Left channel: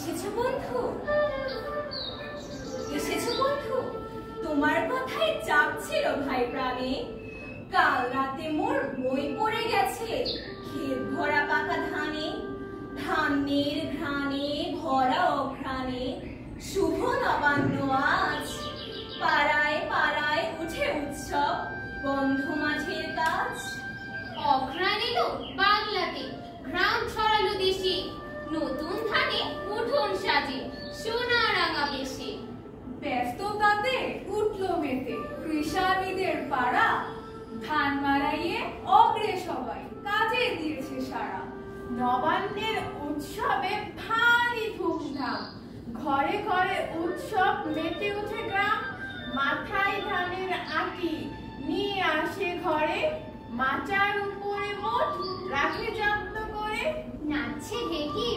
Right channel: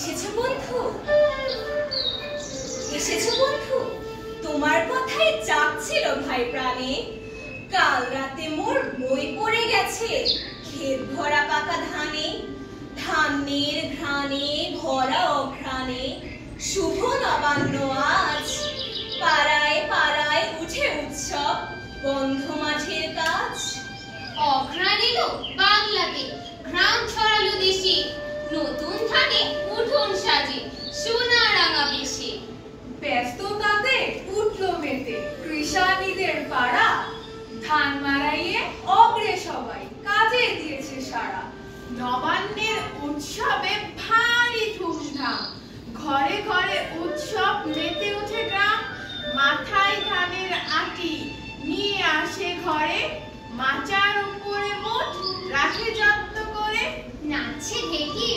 এসেছো বন্ধু, এসেছো বন্ধু, তোমার কথাই জাগছিল ভাই প্রাণে। কাল রাতে মোর বই পড়ে গেছে ক্ষেত ভরা পাকা ধানে। ধানের ঘ্রাণে ভরা অঘ্রাণে শুভ নবান্ন আজ। পাড়ায় পাড়ায় উঠে উৎসব, বন্ধ মাঝের কাজ। অঘ্রাণ এলো বাংলাতে, ঘ্রাণ ছড়ালো দেশে। নতুন ধানে উঠোন সাজে, সোনা রাঙা বেশে। ব্যস্ততাতে উঠল মেতে কৃষানীদের পাড়া। ধান মারাইয়ে অগ্রে সবাই কাজে দিয়েছে সারা। নবান্নের উৎসবে ভারী ধুমধাম, ঘরে ঘরে উৎসব মেতে উঠে গ্রাম। মাথায় ধানের আটি নিয়ে আসে ঘরে, মাচার উপরে মোট রাখে যত্ন করে। নাচছে ঢেকি